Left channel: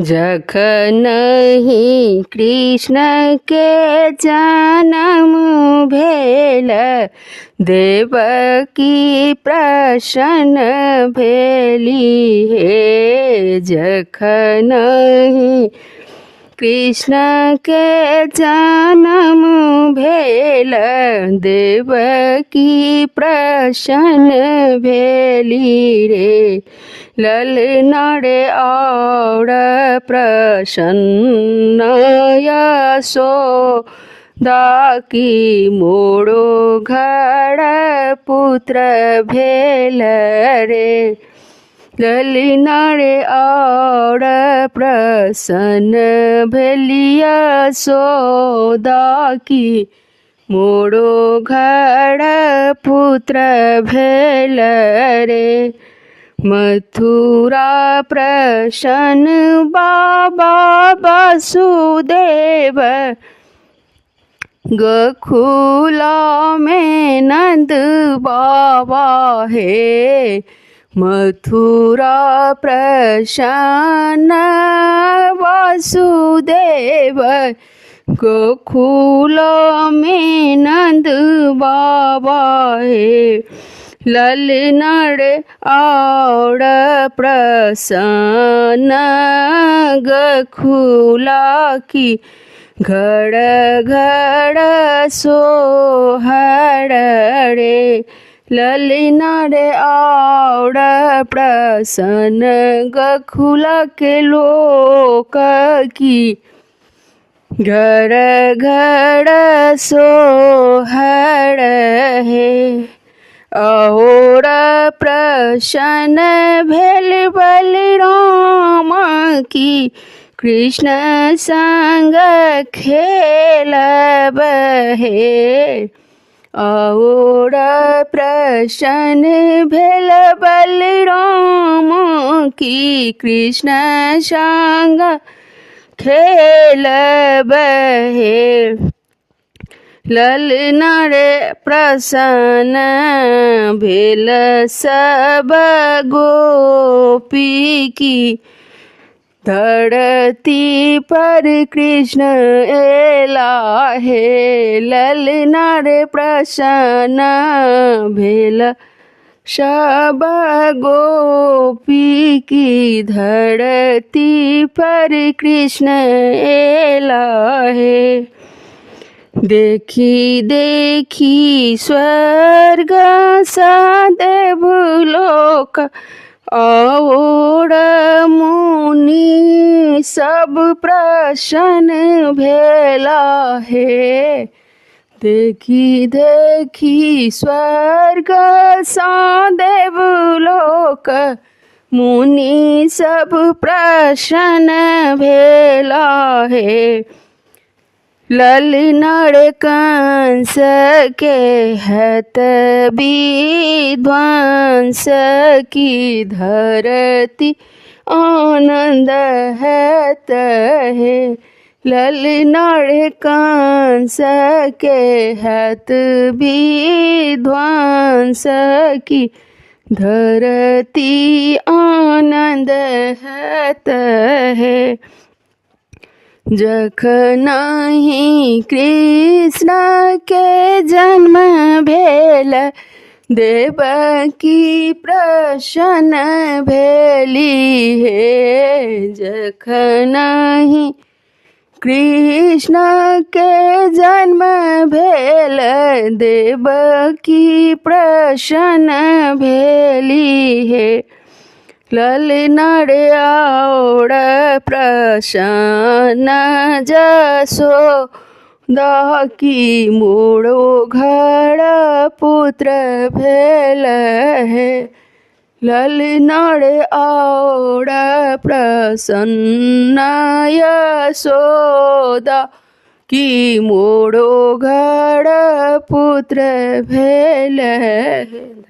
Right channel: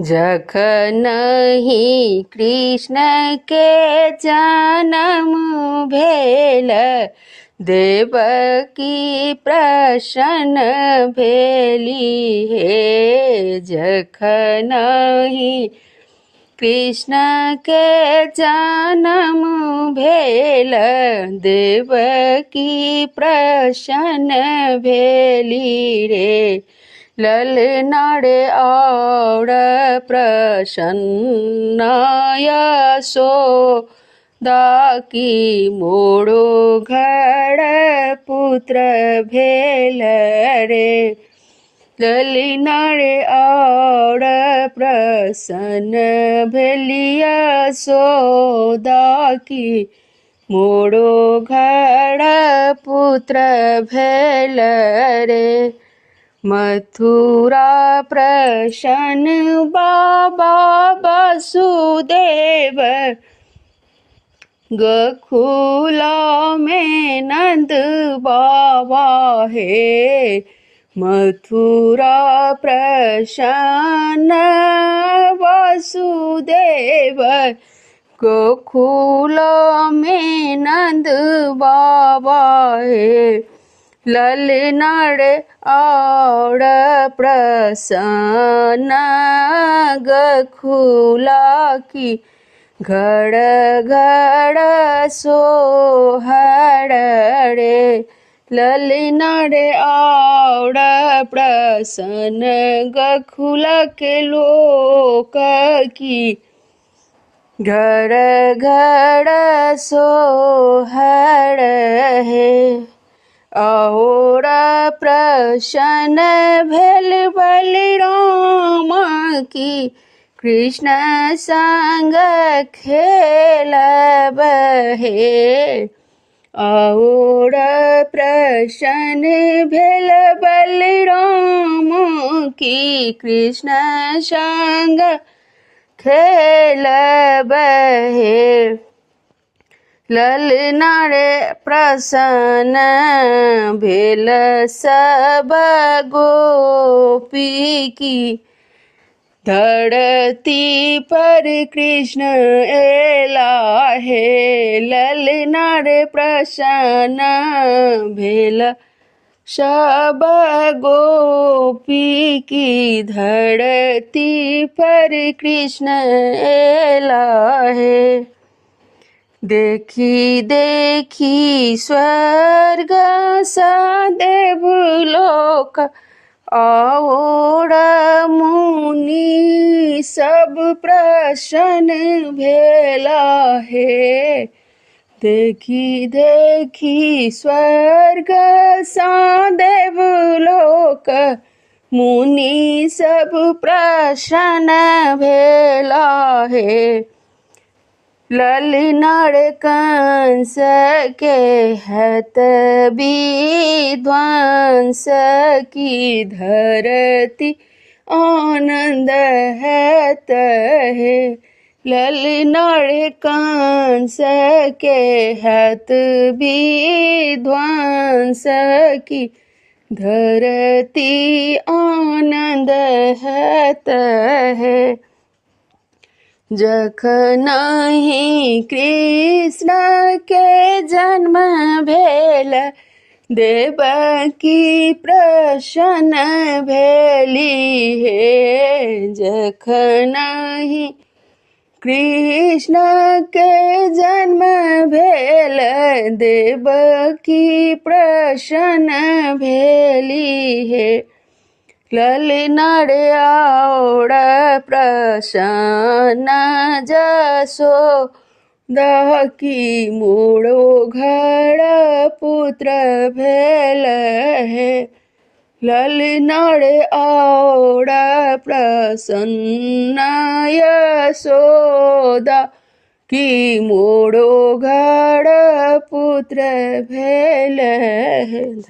जखनहि कृष्ण के जन्म भेल, देवकी प्रसन्न भेली हे। जखनहि कृष्ण के जन्म भेल, देवकी प्रसन्न भेली रे। ललना रे और प्रसन्न यशोदा की मोड़ो घर पुत्र भेल रे। ललना रे और प्रसन्न भेली यशोदा की मोड़ो घर पुत्र भेल रे। मथुरा प्रसन्न बाबा वासुदेव, गोकुल में नंद बाबा हे। मथुरा प्रसन्न वासुदेव, गोकुल में नंद बाबा हे। ललना रे और प्रसन्न गोकुला की घर घर सोहर रे। ललना रे और प्रसन्न गोकुल के लोक की घर घर सोहर है। और प्रसन्न भेल बलराम की कृष्ण संग खेलब हे। और प्रसन्न भेल बलराम की कृष्ण संग खेलब हे। ललना रे प्रसन्न भेल सब गोपी की धरती पर कृष्ण एला हे। ललना रे प्रसन्न भेल सब गोपी की धरती पर कृष्ण एला हे। देखी देखी स्वर्ग सा देवलोक और मुनि सब प्रसन्न भेला हे। देखी देखी स्वर्ग सा देवलोक मुनि सब प्रसन्न भेला हे। ललना रे कंस के हत विध्वंस की धरती आनंद हत है। ललना रे कंस के हत विध्वंस की धरती आनंद हत है। जखनहि कृष्ण के जन्म भेल, देवकी प्रसन्न भेली हे। जखनहि कृष्ण के जन्म भेल, देवकी प्रसन्न भेली हे। ललना रे और प्रसन्न यशोदा की मोड़ो घर पुत्र भेल है। ललना रे और प्रसन्न यशोदा की मोड़ो घर पुत्र भेल है।